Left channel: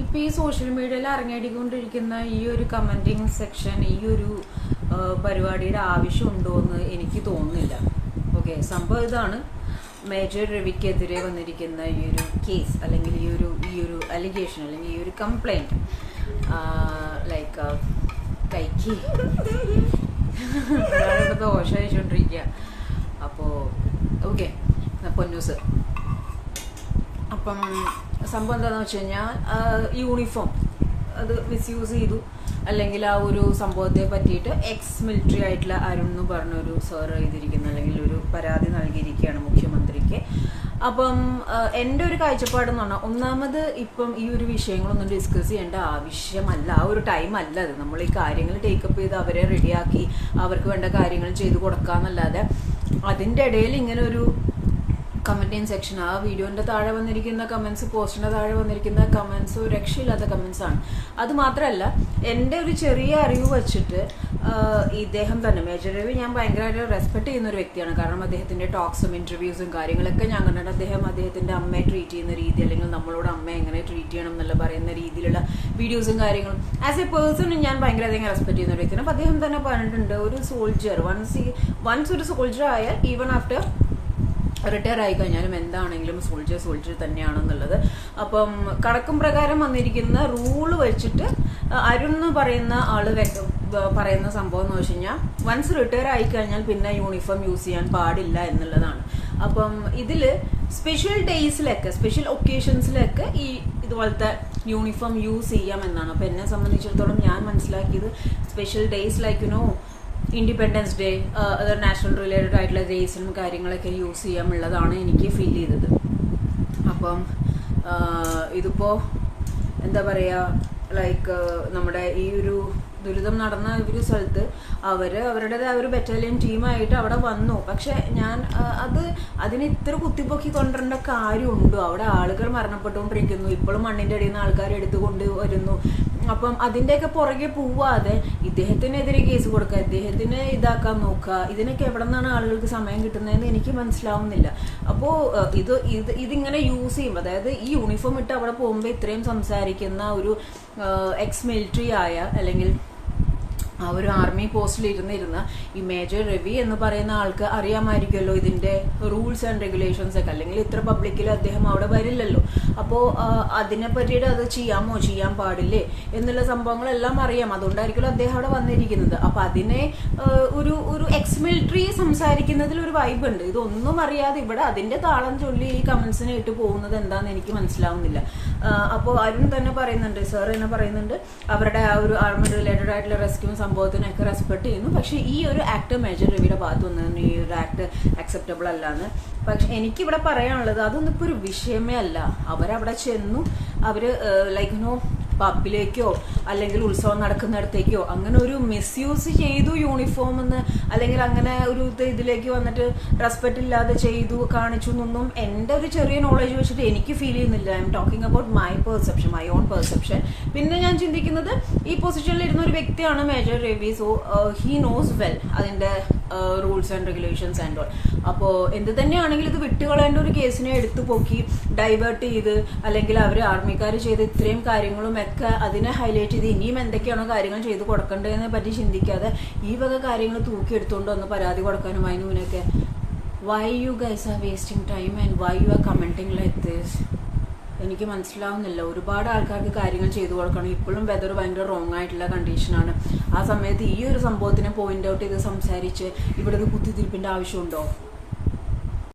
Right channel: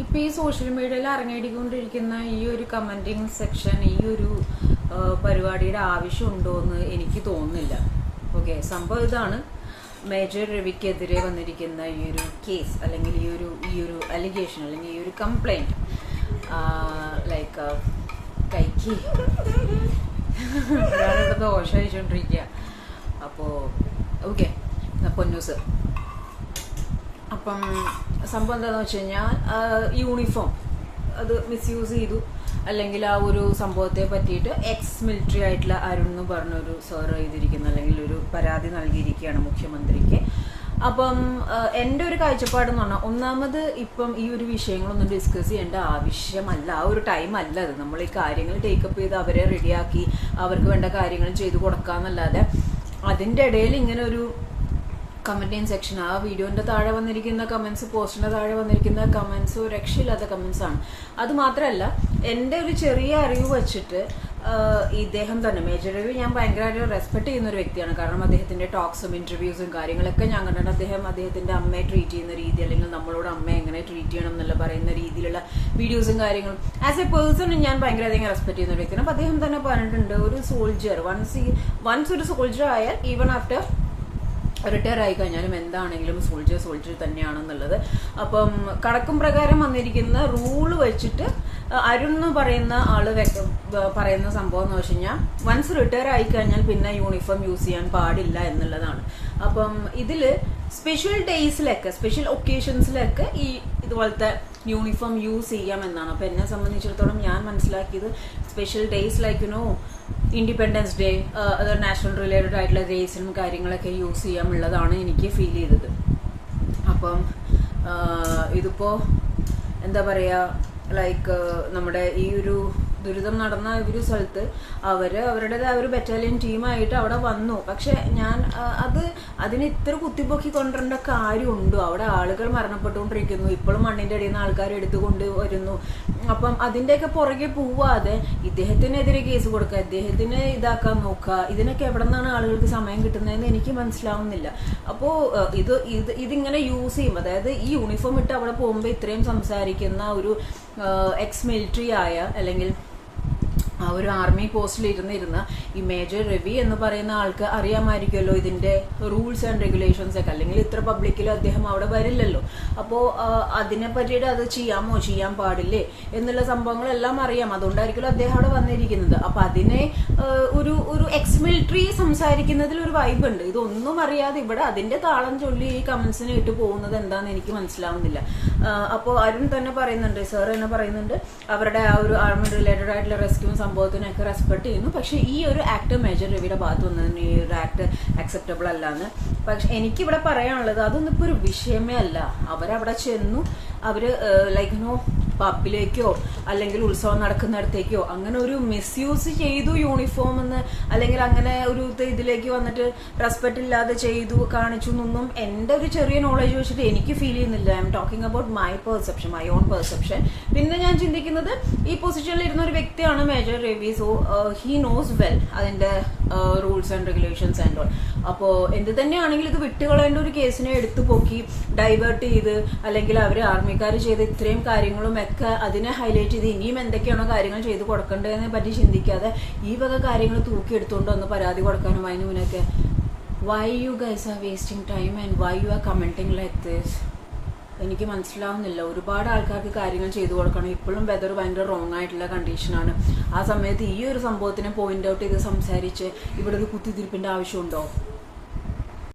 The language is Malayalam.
ഇപ്പൊ ഈ സോഷ്യൽ മീഡിയയിൽ അരങ്ങേടിക്കൊണ്ടിരിക്കുന്ന ഈ ഒരു കമന്റിങ് സെക്ഷൻ ഈ ഒരു പരിപാടിയുടെ ആവശ്യമുണ്ടോ എന്ന് എനിക്ക് തോന്നുന്നില്ല. ഓക്കെ സംഭവം ഇതാണ്. മേജർ രവിക്കെതിരെ വന്നിരിക്കുന്ന ഈ ഒരു കേസ് അല്ലെങ്കിൽ ഈ ഒരു ഈ ഒരു അലിഗേഷൻ അല്ലെങ്കിൽ ഈ ഒരു കംപ്ലൈന്റ് ലൈക്ക് കൈക്ക് ഒരാളിവിടെ ദോശ കഴിച്ചുകൊണ്ടിരിക്കുക അപ്പോൾ ഓക്കെ പൊന്നൂസ്. അപ്പം സംഭവം എന്താണെന്ന് വെച്ച് കഴിഞ്ഞാൽ യൂണിഫോം അത് മിസ്യൂസ് ചെയ്തു. അല്ലെങ്കിൽ ആ ഒരു സംഭവത്തെ പറ്റിയിട്ട് എക്സ് മിലിറ്ററി ആയിട്ടുള്ള അരുൺ എന്ന് പറഞ്ഞൊരു സർ ചെയ്തിരിക്കുന്നു. അല്ലെങ്കിൽ ഒരു പരാതി നൽകിയിരിക്കുകയാണ് മുഖ്യമന്ത്രിക്ക്. അപ്പം എന്റെ ഒരു കാഴ്ചപ്പാട് എന്ന് പറഞ്ഞാൽ ഒന്നാമത് ഇപ്പം ഈ ഒരു വിഷയങ്ങളൊന്നും ഡിസ്കസ് ചെയ്യേണ്ട ആവശ്യമല്ല. ആ ഒരു ടൈം അല്ല അത്. നമ്മൾ ഈ കാര്യങ്ങൾ ടേക്കപ്പ് ചെയ്ത് അവരെ റെഡിയാക്കി അവർക്ക് വേണ്ട കാര്യങ്ങൾ ചെയ്തു കൊടുക്കാന്നല്ലാതെ അതിന്റെ ഇടയിൽ ഇങ്ങനെ ഒരു കമന്റിങ് സെക്ഷൻ ആ വീഡിയോന്റെ താഴെ വന്നിരിക്കുന്ന കമന്റ്സ് പോസ്റ്റിന്റെ താഴെ വന്നിരിക്കുന്ന കമന്റ്സ് രക്ഷയില്ലാത്ത കമന്റ്സ് ആണ്. അത് മാത്രമല്ല എന്റെ ഒരു ചെറിയ അറിവ് വെച്ചിട്ട് ഇദ്ദേഹം തന്നെ മേജർ രവി ഞാൻ ഭയങ്കരമായിട്ട് റെസ്പെക്ട് ചെയ്യുന്ന ഒരു വ്യക്തിയാണ്. കാരണം അദ്ദേഹത്തിന്റെ ടോക്സും ഇന്റർവ്യൂസും കാര്യങ്ങളൊക്കെ ഞാൻ കണ്ടിട്ട് അദ്ദേഹം അദ്ദേഹത്തിന്റെ അമ്മയെ ട്രീറ്റ് ചെയ്യുന്ന രീതി അല്ലെങ്കിൽ നമ്മളോട് അമ്മയെ എങ്ങനെ ട്രീറ്റ് ചെയ്യണം എന്നുള്ള പറയുന്ന രീതിയിലുള്ള വീഡിയോസും കാര്യങ്ങളും. ആസ് എ പേഴ്സൺ ഞാൻ ഭയങ്കരധികം റെസ്പെക്ട് ചെയ്യുന്ന ഒരു വ്യക്തിയാണ്. അപ്പൊ അദ്ദേഹം തന്നെ പറഞ്ഞിട്ടുണ്ട് ഒരു സോൾജിയർ വൺസ് വൺസ് ഒരു സോൾജർ ആയാൽ ഈവൺ ആഫ്റ്റർ റിട്ടയർ ആയി കഴിഞ്ഞാലും എന്താണെങ്കിലും സോൾജർ സോൾജർ തന്നെയാണെന്നുള്ളത്. അപ്പം കടക്കും പ്രകാരം വന്നിരിക്കുന്ന റൂൾ വെച്ചിട്ട് അരുൺ എന്ന് പറയുന്ന ആൾ പറയുന്ന സംഭവം എന്ന് വെച്ച് കഴിഞ്ഞാൽ വൺസ് റിട്ടയർ ആയി കഴിഞ്ഞാൽ പിന്നെ യൂണിഫോം യൂസ് ചെയ്യാൻ പാടില്ല എന്നുള്ളതാണ്. അപ്പം ഇതിൽ സ്പെഷ്യൽ ഡേയ്സിലൊക്കെ സ്പെഷ്യൽ ഒക്കേഷൻസിലൊക്കെ ഈ ഇതുപോലത്തെ യൂണിഫോം യൂസ് ചെയ്യാം എന്നാണ്. അപ്പൊ എന്നെ സംബന്ധിച്ചിടത്തോളം ഞാൻ മനസ്സിലാക്കിയത് special days like you know independence day അത് നാഷണൽ റിലേറ്റഡ് ആയിട്ടുള്ള ഡേയ്സിനും കാര്യങ്ങളൊക്കെ യൂസ് ചെയ്യാമുള്ളതാണ് എനിക്ക് ഫീൽ ചെയ്തത്. അപ്പം ഇതിപ്പോൾ ഇതിപ്പോ എന്താ പറയുക ലൈക്ക് നമ്മുടെ ഈ ഒരു ദുരിതം നടന്ന ഒരു സ്ഥലത്ത് അവർ അവരുടേതായ ഒരു ബറ്റാലിയൻ ടീമായിട്ട് അവിടെ വന്നു. പക്ഷെ ഞാൻ അത് അതിന് ഇത്ര കുത്തിപ്പൊക്കി കൊണ്ടുവരേണ്ട കാര്യമുണ്ടോ? അവിടെ ആളുകൾ മരണപ്പെട്ടുകൊണ്ടിരിക്കുന്നു. ഇപ്പോഴും മണ്ണിന്റെ അടിയിൽ നിന്ന് ആൾക്കാർ എടുത്തുകൊണ്ട് വരുന്നു അപ്പം അതിന്റെയൊക്കെ പുറകെ പോവാതെ ഇദ്ദേഹത്തിനെതിരെ കേസ് കൊടുക്കുക ഇദ്ദേഹത്തിന് ഇതാക്കാൻ നോക്കുക ഇതിനൊക്കെ എവിടെ നിന്നാണ് ആളുകൾക്ക് സമയം കിട്ടുന്നതെന്ന് എനിക്ക് മനസ്സിലാവുന്നില്ല. അപ്പോൾ ഇത് ഇത് ഇതിങ്ങനെ യൂസ് ചെയ്യും. അതായത് ഈ യൂണിഫോം ഇട്ട് അവിടെ പോകുമ്പോൾ ഇത്രയും സംസാരിക്കുന്ന ഒരു എക്സ് മിലിറ്ററി ആയ അല്ലെങ്കിൽ ആ ഒരു ആർമി പോസ്റ്റിൽ ഇരുന്നിരുന്ന ഈ മേജർ രവി എന്ന് പറയുന്ന ആൾക്ക് അറിയാമായിരിക്കുമല്ലോ ഇതിന്റെ റൂൾസ് ആൻഡ് റെഗുലേഷൻസ് ഒക്കെ. അല്ലെങ്കിൽ ഇത്ര പബ്ലിക്കിൽ അദ്ദേഹം അവിടെ വരില്ലല്ലോ. അപ്പോ അതിനെ പറ്റിയിട്ട് അത് ചെയ്യാമോ? ചെയ്യാൻ പാടില്ലേ? എന്നുള്ള സംഭവങ്ങളെല്ലാം അറിയാം. അതുകൊണ്ടായിരിക്കുമല്ലോ അദ്ദേഹം അവിടെ വന്നിരിക്കുന്നത്. അപ്പൊ അതിനെ ഒരു ഒരു എക്സ് മിലിറ്ററി സംസാരിക്കുന്നതിൽ ഒരു വൈബ് ഉണ്ട്. ഇതൊന്നും അറിയാതെ ഇവിടെ അതിന്റെ താളം ചൊല്ലി ഈ കമന്റ്സിനെ ഇട്ട് പോകുന്നത് എന്താന്ന് എനിക്ക് മനസ്സിലാവുന്നില്ല. അപ്പോൾ അരുൺ തന്നെ പറയുന്നുണ്ട് സാർ തന്നെ പറയുന്നുണ്ട് അവരുടെ ആ ഒരു ആർമി റിലേറ്റഡ് ആയിട്ടുള്ള റെസ്ക്യൂ സംഭവത്തിനൊക്കെ റെസ്പെക്ട് ചെയ്യുന്നു. പക്ഷേ ഈ ഒരു ആക്ട് മേജർ രവിയുടെ ഭാഗത്ത് വന്നതിന് ഈ ഒരു ആക്ട് അക്സെപ്റ്റബിൾ അല്ലാന്ന്. പക്ഷെ എനിക്കിവിടെ പറയാനുള്ളത് അതൊന്നും ഇപ്പോൾ ഒരു വിഷയമേ അല്ല. അവരവിടെ ചെന്നു. അവർ ലൈക്ക് നോ പബ്ബിലേക്കോ അല്ലെങ്കിൽ ഉത്സവം നടക്കുന്നിടത്തേക്കോ അങ്ങനെ ഒരു മിസ്യൂസ് ചെയ്തു യൂണിഫോം എന്ന് അല്ലെങ്കിൽ അങ്ങനെ ഒരു ഇതിലേക്ക് വന്നിട്ട് റെസ്പെക്ട് ഇല്ലാതെ ചെയ്തു കാണിച്ചു എന്നൊന്നും എന്റെ ഒരു ചെറിയ നോളജ് വെച്ചിട്ട് എനിക്ക് ഫീൽ ചെയ്യുന്നില്ല. I'm talking about my perception my own perception പിന്നെ ഞാൻ ചിന്തിക്കുന്നത് ഈ പൊസിഷനിൽ ഇരുന്ന ഒരു വ്യക്തിയാണ് major Ravi. So he knows well അതിന്റെ rules and regulations and all അപ്പോൾ എന്ത് തന്നെയാണെങ്കിലും ഇത് വിട്ടുകളേണ്ട ഒരു കേസിനെ എടുത്തു പോക്കി ഡൈവേർട്ട് ചെയ്ത് അല്ലെങ്കിൽ അവർ ആർമിക്കാർ ചെയ്ത് ഇത്രയും കാര്യങ്ങളും ഒക്കെ അതിനെ ഹൈലൈറ്റ് ചെയ്ത് ഇനിയും എന്തൊക്കെയാണോ കാര്യങ്ങൾ ചെയ്ത് കൊടുക്കേണ്ടതിനെ പറ്റി ചിന്തിക്കാതെ ഈ വക കാര്യങ്ങൾ തൂക്കിയെടുത്തുകൊണ്ട് ഒന്ന് പരാതി കൊടുക്കാനും അതിനൊക്കെ why you guys are wasting time and why you are commenting like this എനിക്ക് മനസ്സിലാവുന്നില്ല. ഒരുപാട് ആൾക്കാർക്ക് കാര്യങ്ങൾ ചെയ്തു കൊടുക്കണം. ഇപ്പോഴും വെതർ ഭയങ്കര റോങ് ആയിട്ടുള്ള കണ്ടീഷനാണ് ആ സമയത്ത് ഈ ഒരു സംഭവത്തിനെ പോയിന്റ് ഔട്ട് ചെയ്ത് സംസാരിച്ച് ഇവിടെ ഒരു കുത്തിത്തിരിപ്പിന്റെ ആവശ്യമുണ്ടോ?